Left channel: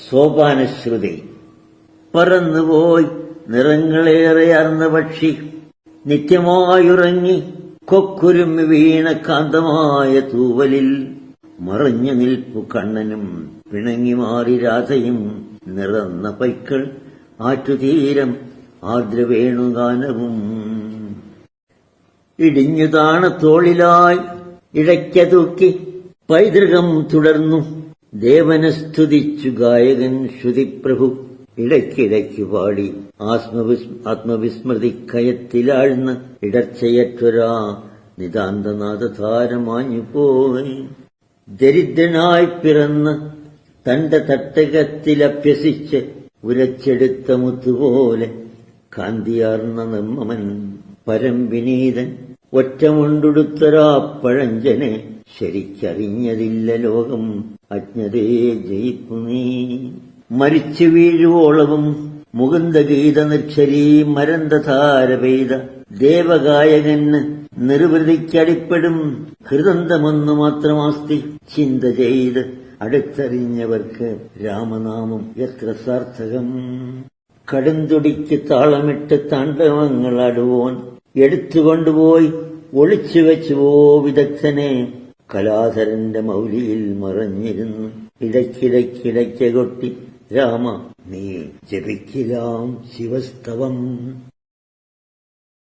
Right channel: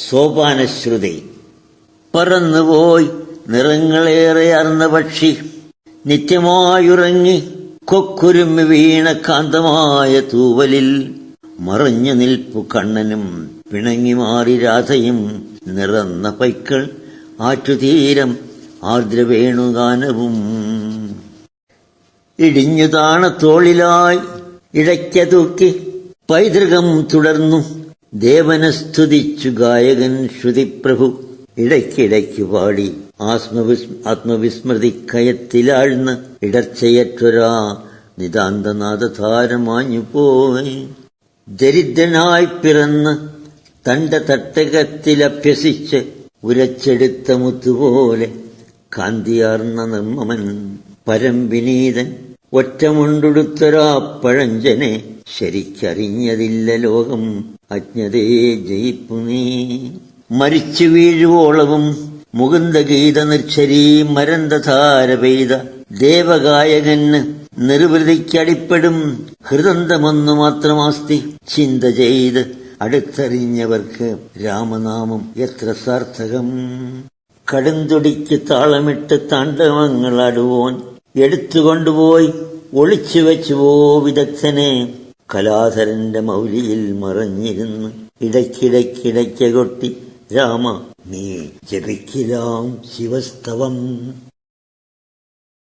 സോപാനശ്രുതി. പറന്നുപോയി നിറങ്ങളേറെയാർന്ന പക്ഷി, നിത്യമായുറങ്ങി കൊക്കുരുമ്മി വീണ കാന്തമായ തൂവലിൽ, മറഞ്ഞു നിൽപ്പു കണ്ണനും പിണങ്ങി മാറി രാധയും, നിറന്ന പൈക്കൾ ആറ്റുതീരം ആർദ്രവേണുഗാനവും. ഇടിഞ്ഞു താണ തോളിലായി ഇടയ്ക്ക തൂക്കി പൈതൃകം തുടർന്നു ദേവനെ സ്തുതിച്ചു ഗായകൻ ശ്രുതിപ്രഭു. ഇടയ്ക്കിടയ്ക്കു പാടി ആത്മവിസ്മൃതിക്കയത്തിലാഴ്ന്ന് ഇടർച്ചയറ്റൊരാ നിതാന്തനാദധാരമാഞ്ഞു പോയി. ദരിദ്രനായി പിറന്ന് തന്റെ തട്ടകത്തിലഭ്യസിച്ച് ഉരച്ചെടുത്ത മുത്തുപോലെ കാന്തിയാർന്ന നിർമ്മമൻ പരംവിനീതൻ, ഒറ്റമുണ്ടുടുത്തൊരാ പഴഞ്ചനെ ശരിക്കറിഞ്ഞതില്ല ലോകം, അജ്ഞതേ ജയിപ്പു നീ. മരിച്ചു വീഴുവോളവും മുകുന്ദഗീത നിർച്ചരീ മരന്തധാര പെയ്ത ദേവഗായകന് നിർവൃതിക്കടിപ്പെടും ഹൃദന്തമൊന്നു മാത്രമാസ്തി. ചിന്ത ചെയ്ത് അടുത്തറിഞ്ഞവർക്ക് രാമനാമം എത്ര സാർത്ഥകം. കടുംതുടിക്ക് താളമിട്ട് താണ്ഡവങ്ങളാടുവോൻ എടുത്തുകൊണ്ടുപോയി ഒളിച്ചുവെച്ചുവോ വിദഗ്ധനെ. കലാധരന്റെ മൗലിയിൽ മറഞ്ഞിരുന്ന് ഇടയ്ക്കിടയ്ക്കിടയ്ക്ക കൊട്ടി രാമ നീ ജപിക്കിലാം ശിവസ്തവം.